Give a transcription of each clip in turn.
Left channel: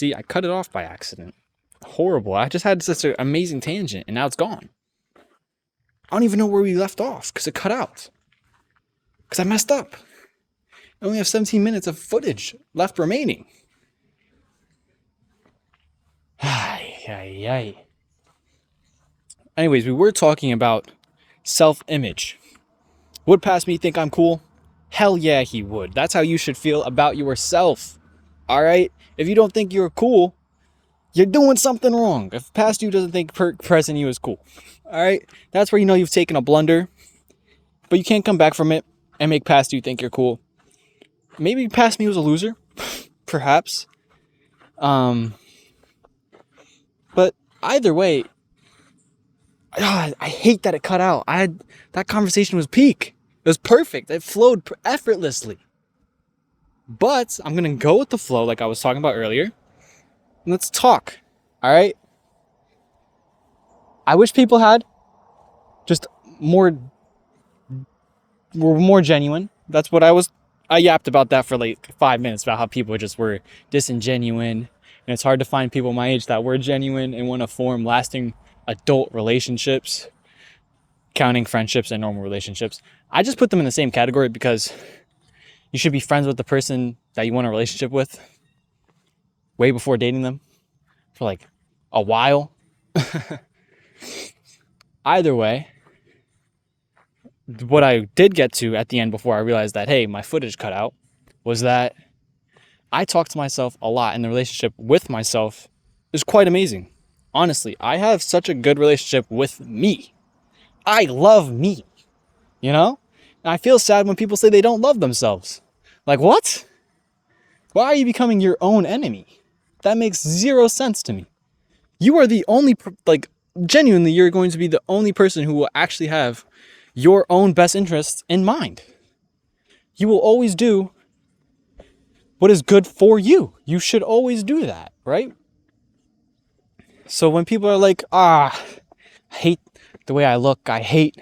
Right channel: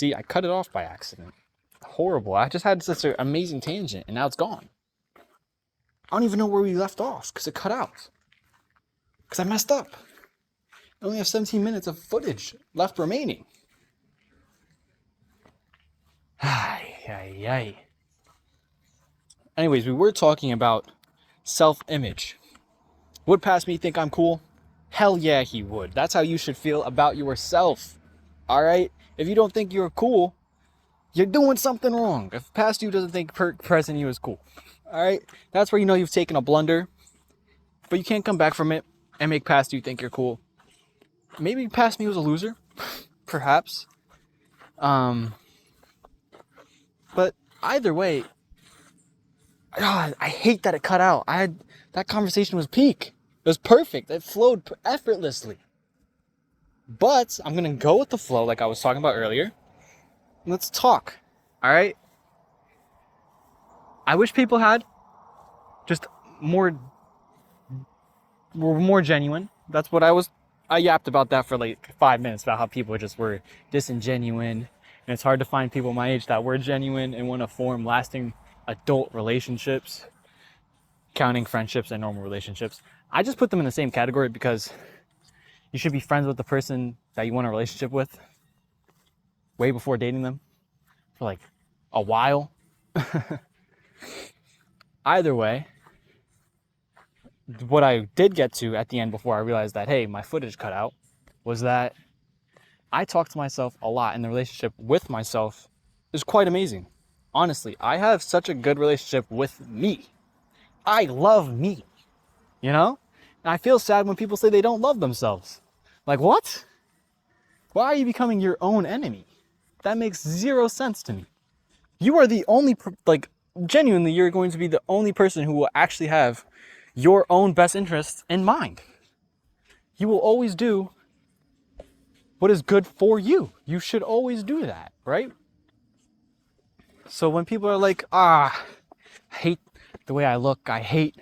See, I cut it off by accident. Horrible. I just had such an amazing tangent and now it's gone. I don't even know where we left off because it cut out. Because I messed up. I only have 17 minutes of footage left remaining. Ay, ay, ay. Anyways, we were talking about self-image. Would past me think I'm cool? Hell yeah, he would. That's how you should feel about yourself. All right? If you don't think you're cool, you're doing something wrong. If past you doesn't think present you is cool. All right? That's where you know you've taken a blunder. But you can't come back from it and make past you think you're cool. Maybe past me was a loser. Perhaps. But either way, I hate that it cut out. That conversation was peak. It was perfect. It flowed effortlessly. But I'm going to go with the flow like I was talking about earlier. Let's talk. All right? I wish people had just were more genuine. That's what I yapped about that for like 5 minutes about how people just were disingenuine. And it's hard to find people my age that were genuine and want to form lasting adult relationships, counting friendships and normal relationships. I just put them in the same category because you should be friends with the person that you want a relationship with way before dating them for like a while. Either way, what I did get to at the end before I realized that, hey, my footage cut out, was that I talk to myself a lot, and the relationship with myself is quite amazing. Honestly, I have such a good relationship with me. I love me, you know? And I feel sad when people say they don't love themselves. Like, what? Why are you becoming your own enemy? That makes zero sense to me. You are the only, genuinely, you're going to be the only person who will actually have your own best interests in mind. You will always do what is good for you. You should always do that, right? So when people are like, I hate the way I look, I hate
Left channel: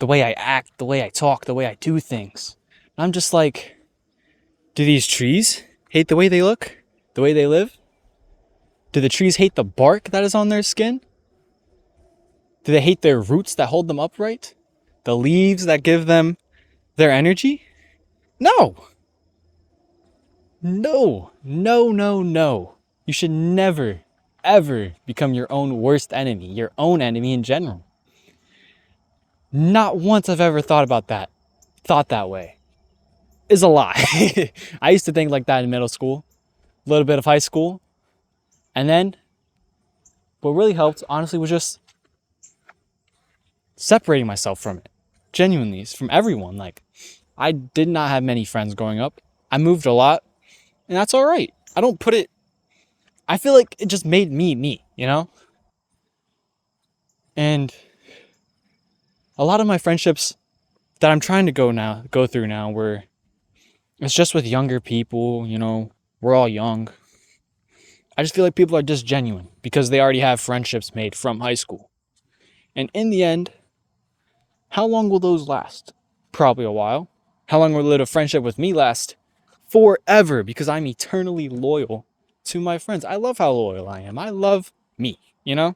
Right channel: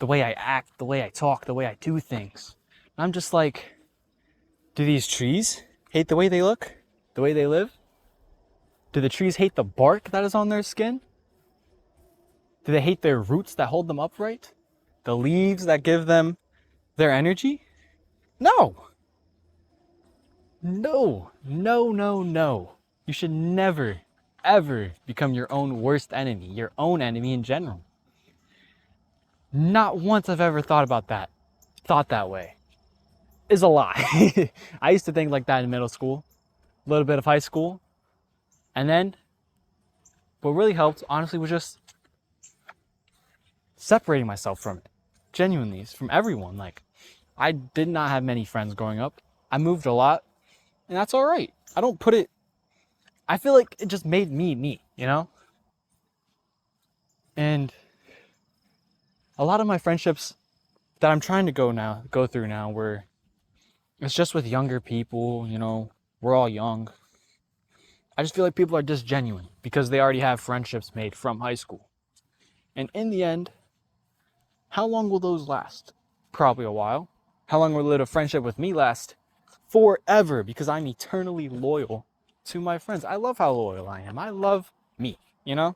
the way I act, the way I talk, the way I do things, I'm just like, do these trees hate the way they look, the way they live? Do the trees hate the bark that is on their skin? Do they hate their roots that hold them upright? The leaves that give them their energy? No. No. No, no, no. You should never, ever become your own worst enemy, your own enemy in general. Not once I've ever thought that way. Is a lie. I used to think like that in middle school, a little bit of high school. And then what really helped, honestly, was just separating myself from it. Genuinely, from everyone. Like, I did not have many friends growing up. I moved a lot, and that's all right. I feel like it just made me, you know? And a lot of my friendships that I'm trying to go through now, where it's just with younger people, you know, we're all young. I just feel like people are just genuine because they already have friendships made from high school. And in the end, how long will those last? Probably a while. How long will a friendship with me last? Forever, because I'm eternally loyal to my friends. I love how loyal I am. I love me, you know?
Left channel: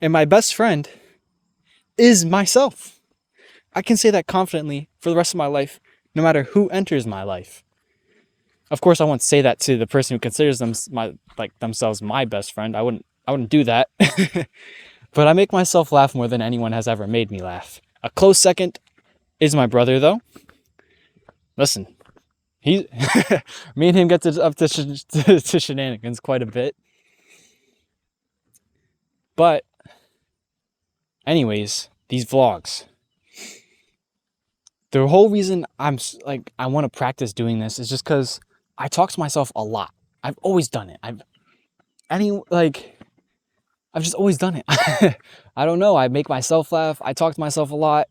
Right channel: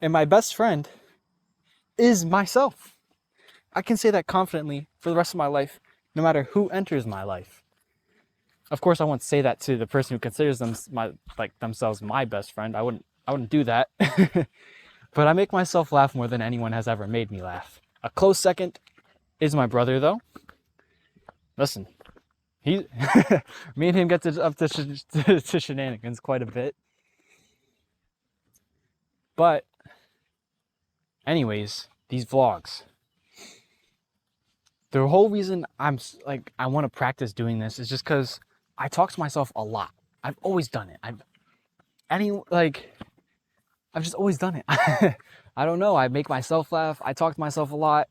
And my best friend is myself. I can say that confidently for the rest of my life, no matter who enters my life. Of course, I won't say that to the person who considers themselves my best friend. I wouldn't do that. But I make myself laugh more than anyone has ever made me laugh. A close second is my brother, though. Listen, me and him get up to shenanigans quite a bit. But anyways, these vlogs. The whole reason I want to practice doing this is just because I talk to myself a lot. I've always done it. I've just always done it. I don't know. I make myself laugh. I talk to myself a lot.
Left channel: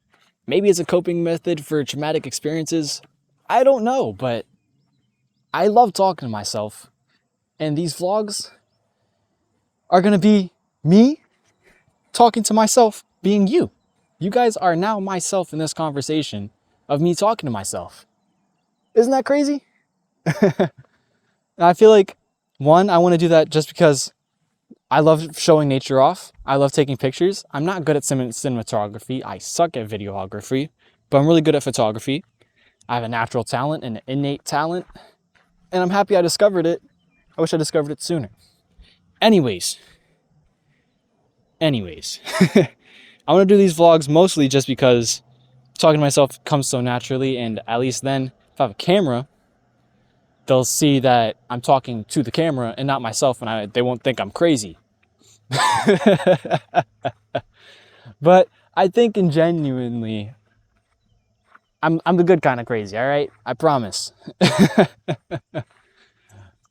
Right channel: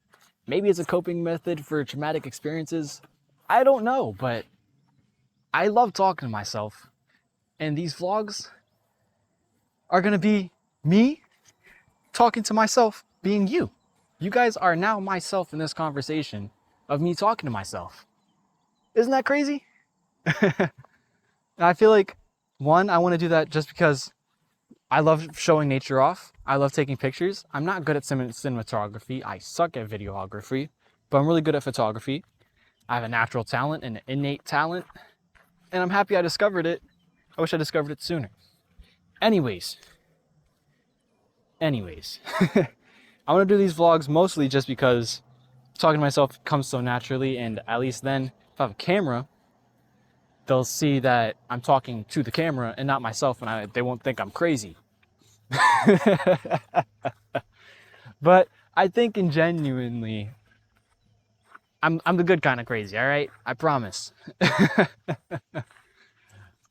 Maybe it's a coping method for traumatic experiences. I don't know, but I love talking to myself. And these vlogs are going to be me talking to myself, being you. You guys are now myself in this conversation of me talking to myself. Isn't that crazy? I feel like One, I want to do that just because I love showing nature off. I love taking pictures. I'm not good at cinematography. I suck at videography, but I'm really good at photography. I have a natural talent and an innate talent, and I'm happy I discovered it. I wish I discovered it sooner. Anyways, I want to do these vlogs mostly just because talking to myself comes so naturally, and at least then, if I have a camera, they'll see that I'm talking to the camera and not myself, and they won't think I'm crazy. But I think in genuinely, I'm the good kind of crazy, all right? I promise.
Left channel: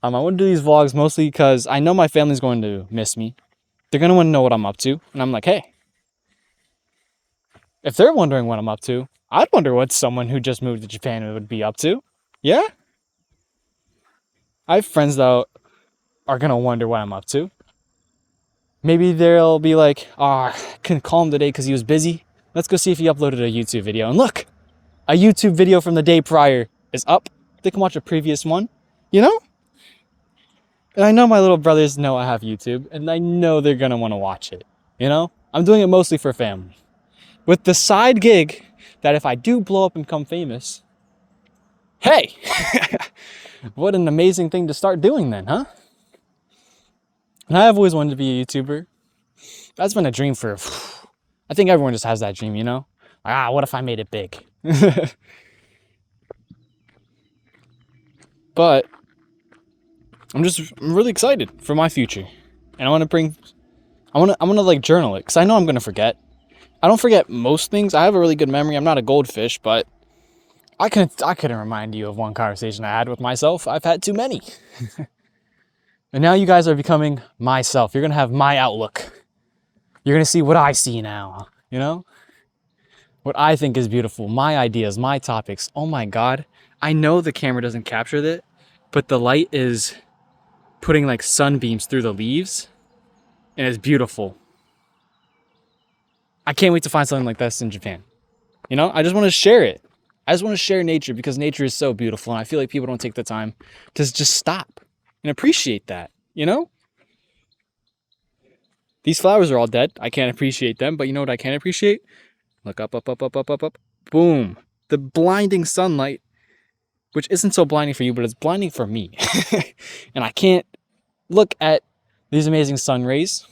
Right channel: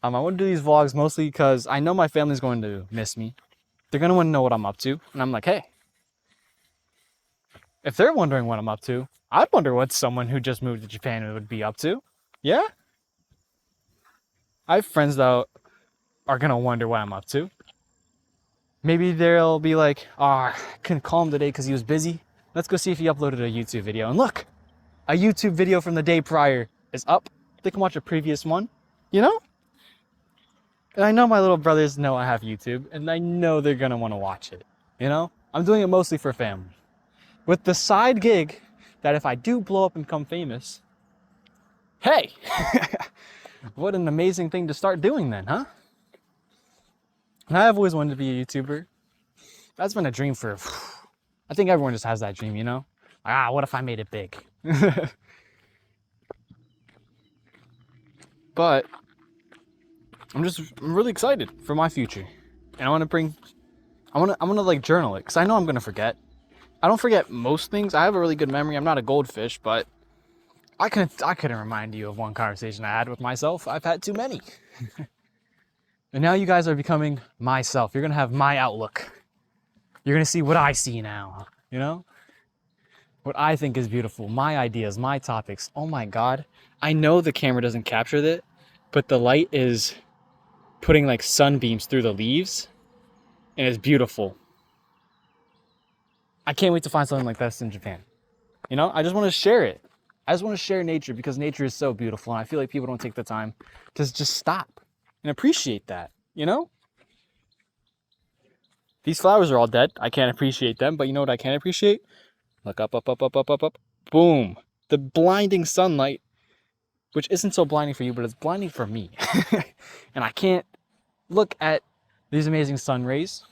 I want to do these vlogs mostly because I know my family's going to miss me. They're going to want to know what I'm up to. And I'm like, hey, if they're wondering what I'm up to, I'd wonder what someone who just moved to Japan would be up to. Yeah? I have friends that are going to wonder what I'm up to. Maybe they'll be like, oh, I couldn't call him today because he was busy. Let's go see if he uploaded a YouTube video. And look, a YouTube video from the day prior is up. They can watch a previous one, you know? And I know my little brothers know I have YouTube, and I know they're going to want to watch it, you know? I'm doing it mostly for family. With the side gig that if I do blow up and become famous, hey, what an amazing thing to start doing then, huh? And I've always wanted to be a YouTuber. That's been a dream for, I think everyone just has that dream, you know? Like, what if I made it big? But I'm really excited for my future. And I want to like journal it because I know I'm going to forget. I don't forget most things. I have a really good memory. I'm not a goldfish, but I couldn't remind you of one conversation I had with myself. I've had too many. And now you guys are becoming myself. You're going to have my outlook. You're going to see what I see now, you know? What I think is beautiful, my ideas, my topics. Oh my God. I know the camera doesn't capture that, but the light is putting like sunbeams through the leaves, and it's beautiful. I can't wait to find something like this in Japan. You know, I just want to share it. I just want to share nature because nature is so beautiful, and I feel like people don't take the time to just stop and appreciate that, you know? These flowers are all dead. I can't appreciate them, but you know what I can appreciate? Look up, up, up, up, up, up, up. Boom. The blinding sunlight, which isn't so blinding for you, but it's blinding for me. And I can't look at these amazing sun rays.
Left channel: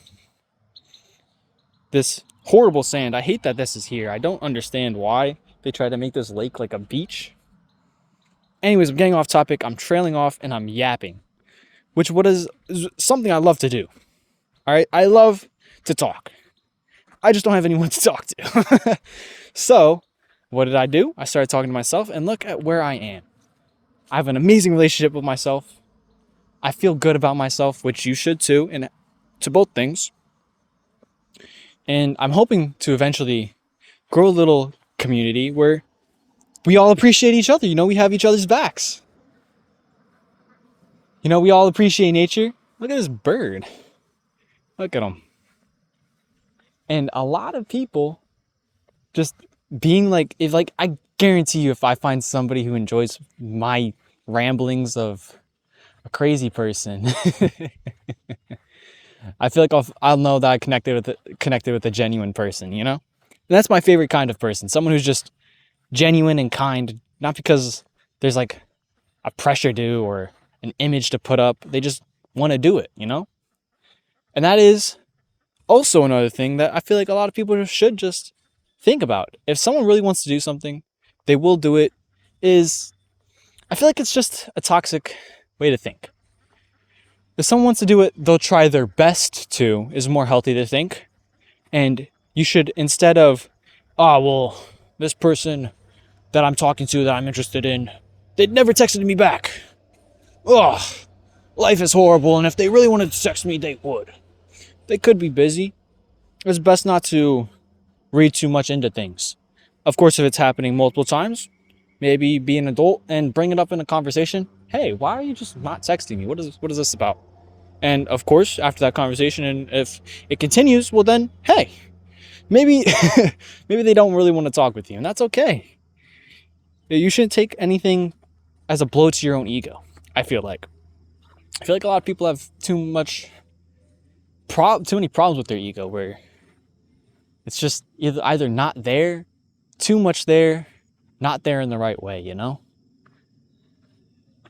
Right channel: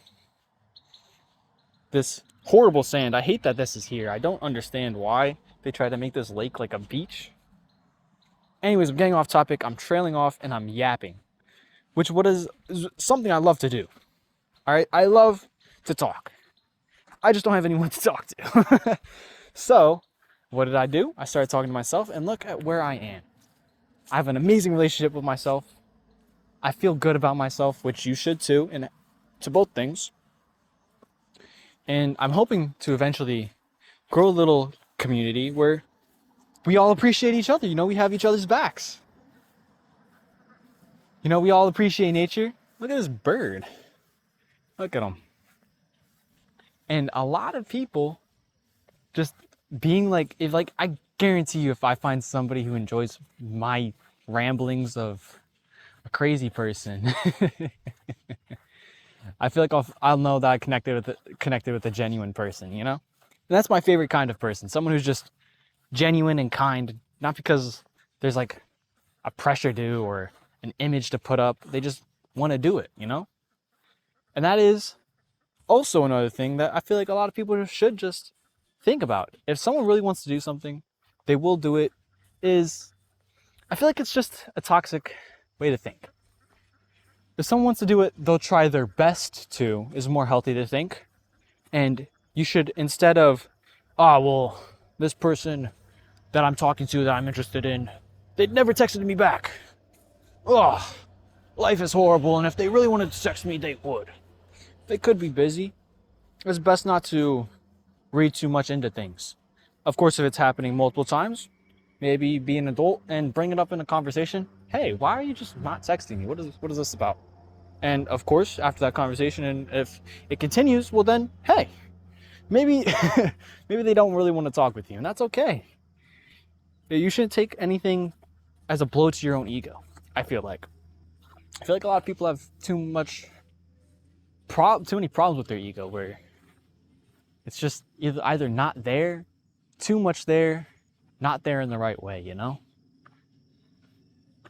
This horrible sand. I hate that this is here. I don't understand why they try to make this lake like a beach. Anyways, I'm getting off topic. I'm trailing off and I'm yapping, which is something I love to do. All right. I love to talk. I just don't have anyone to talk to. So what did I do? I started talking to myself, and look at where I am. I have an amazing relationship with myself. I feel good about myself, which you should too, and to both things. And I'm hoping to eventually grow a little community where we all appreciate each other. You know, we have each other's backs. You know, we all appreciate nature. Look at this bird. Look at him. And a lot of people just being like, I guarantee you, if I find somebody who enjoys my ramblings of a crazy person, I feel like I'll know that I connected with a genuine person, you know? And that's my favorite kind of person. Someone who's just genuine and kind, not because there's like a pressure to or an image to put up. They just want to do it, you know? And that is also another thing that I feel like a lot of people should just think about. If someone really wants to do something, they will do it. I feel like it's just a toxic way to think. If someone wants to do it, they'll try their best to, is more healthy to think. And you should, instead of, oh, well, this person that I'm talking to that I'm interested in, they'd never texted me back. Ugh, life is horrible, and if they really wanted to text me, they would. They could be busy. It's best not to read too much into things. Of course, if it's happening multiple times, maybe be an adult and bring it up in a conversation. Hey, why are you just not texting me? What is this about? And of course, after that conversation, and if it continues, well then, hey, maybe they don't really want to talk with you, and that's okay. You shouldn't take anything as a blow to your own ego, I feel like. I feel like a lot of people have too many problems with their ego, where it's just either not there, too much there, not there in the right way, you know?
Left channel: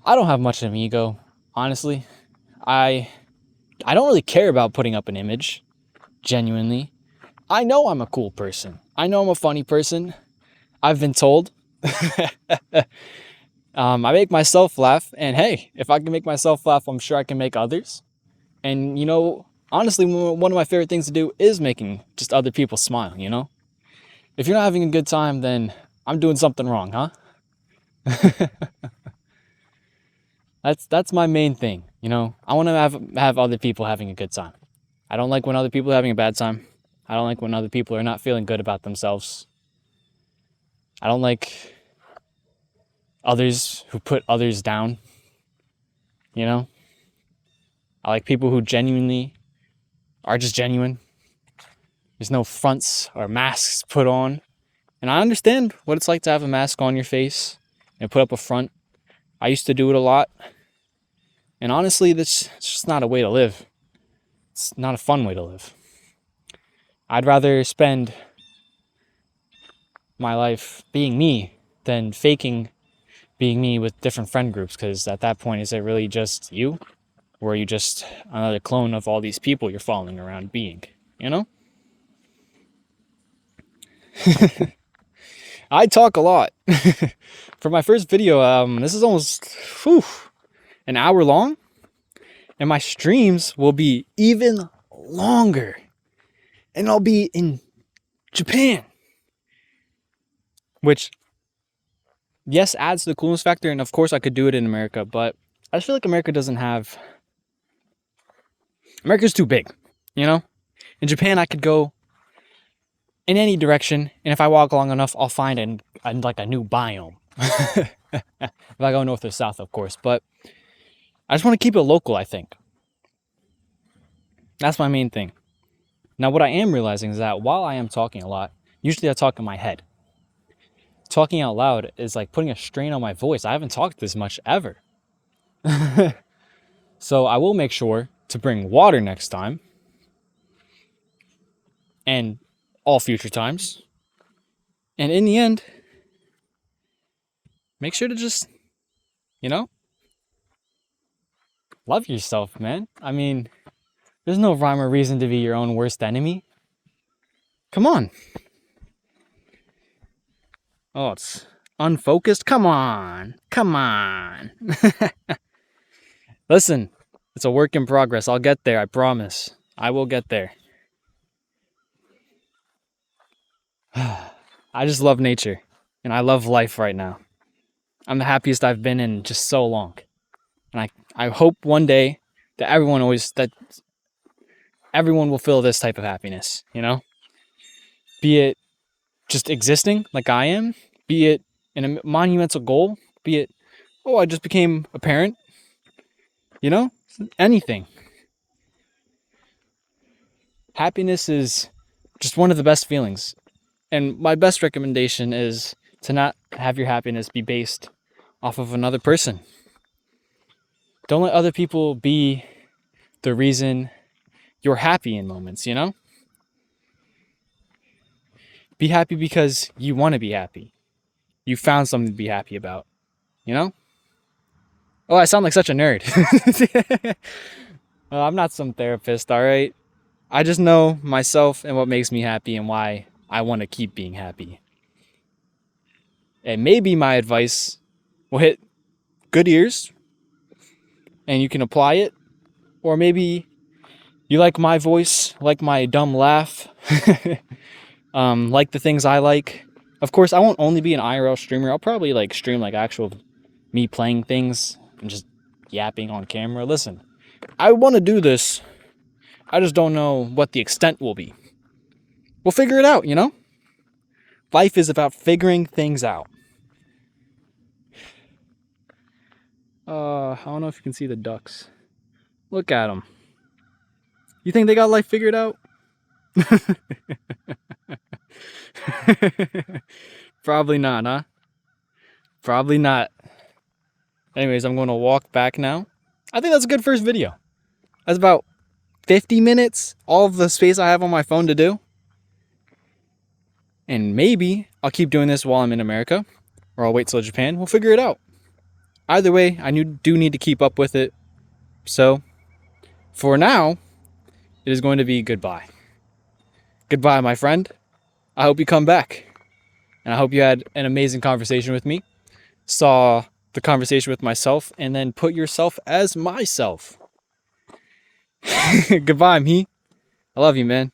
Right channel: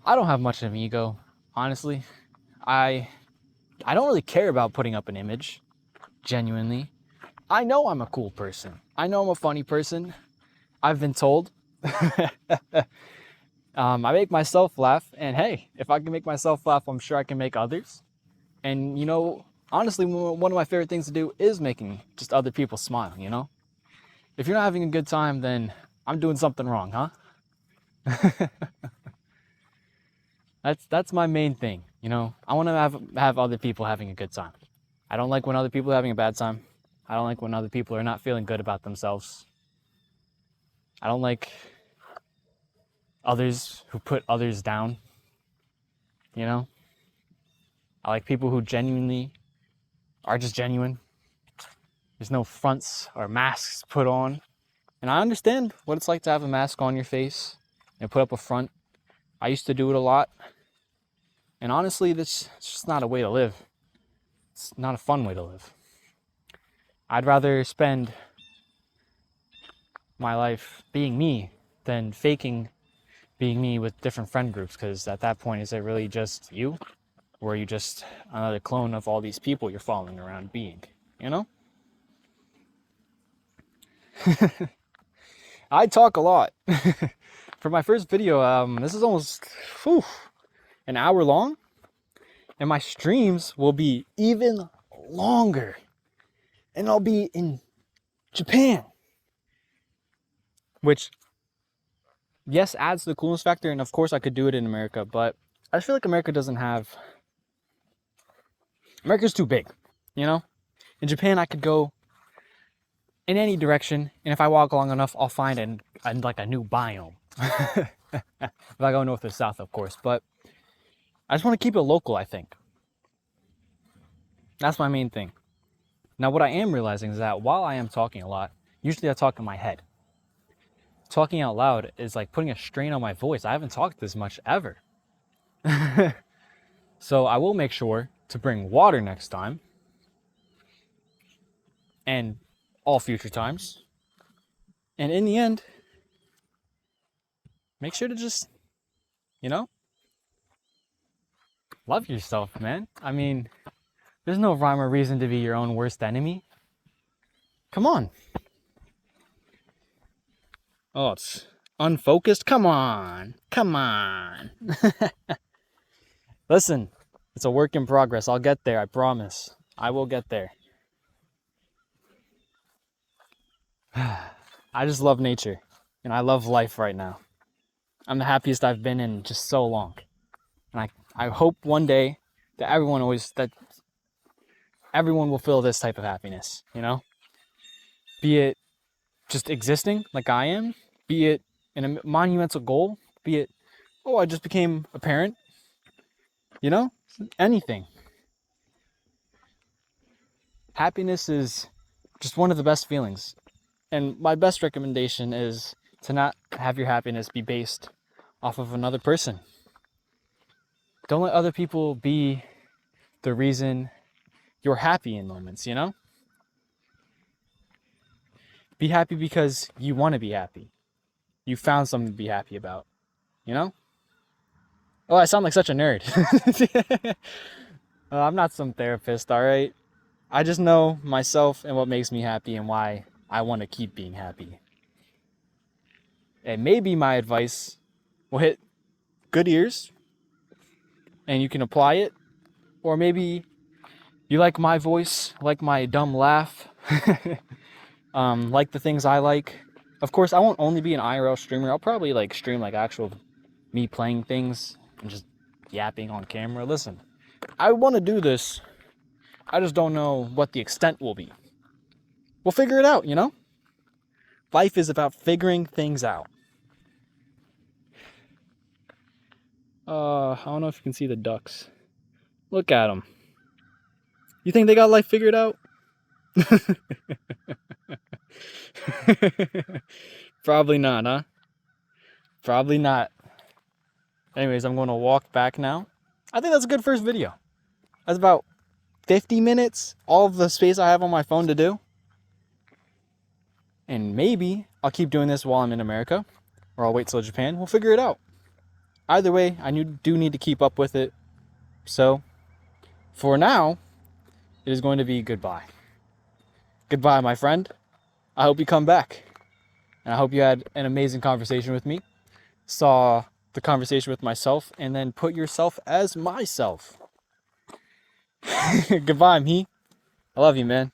I don't have much of an ego, honestly. I I don't really care about putting up an image, genuinely. I know I'm a cool person. I know I'm a funny person. I've been told. I make myself laugh, and hey, if I can make myself laugh, I'm sure I can make others. And honestly, one of my favorite things to do is making just other people smile, you know? If you're not having a good time, then I'm doing something wrong, huh? That's my main thing, you know? I want to have other people having a good time. I don't like when other people are having a bad time. I don't like when other people are not feeling good about themselves. I don't like others who put others down, you know? I like people who genuinely are just genuine. There's no fronts or masks put on. And I understand what it's like to have a mask on your face and put up a front. I used to do it a lot. And honestly, it's just not a way to live. It's not a fun way to live. I'd rather spend my life being me than faking being me with different friend groups, because at that point, is it really just you? Or are you just another clone of all these people you're following around being, you know? I talk a lot. For my first video, this is almost an hour long, and my streams will be even longer, and I'll be in Japan, which, yes, adds to the coolness factor, and of course I could do it in America, but I feel like America's too big, you know? In Japan, I could go in any direction, and if I walk long enough, I'll find like a new biome. If I go north or south, of course, but I just want to keep it local, I think. That's my main thing. Now, what I am realizing is that while I am talking a lot, usually I talk in my head. Talking out loud is like putting a strain on my voice. I haven't talked this much ever. So I will make sure to bring water next time, and all future times. And in the end, make sure to just, love yourself, man. I mean, there's no rhyme or reason to be your own worst enemy. Come on. Oh, it's unfocused? Come on. Come on. Listen, it's a work in progress. I'll get there, I promise. I will get there. I just love nature, and I love life right now. I'm the happiest I've been in just so long. And I hope one day that everyone will feel this type of happiness, you know? Be it just existing like I am, be it in a monumental goal, be it, oh, I just became a parent, you know? Anything. Happiness is just one of the best feelings. And my best recommendation is to not have your happiness be based off of another person. Don't let other people be the reason you're happy in moments, you know? Be happy because you want to be happy. You found something to be happy about, you know? Oh, I sound like such a nerd. Oh, I'm not some therapist, all right? I just know myself and what makes me happy and why I want to keep being happy. And maybe my advice will hit good ears and you can apply it. Or maybe you like my voice, like my dumb laugh, like the things I like. Of course, I won't only be an IRL streamer. I'll probably stream actual me playing things and just yapping on camera. Listen, I want to do this. I just don't know what the extent will be. We'll figure it out, you know? Life is about figuring things out. I don't know if you can see the ducks. Look at them. You think they got life figured out? Probably not, huh? Probably not. Anyways, I'm going to walk back now. I think that's a good first video. That's about 50 minutes, all of the space I have on my phone to do. And maybe I'll keep doing this while I'm in America, or I'll wait till Japan. We'll figure it out. Either way, I do need to keep up with it. So, for now, it is going to be goodbye. Goodbye, my friend. I hope you come back. And I hope you had an amazing conversation with me. Saw the conversation with myself, and then put yourself as myself. Goodbye, me. I love you, man.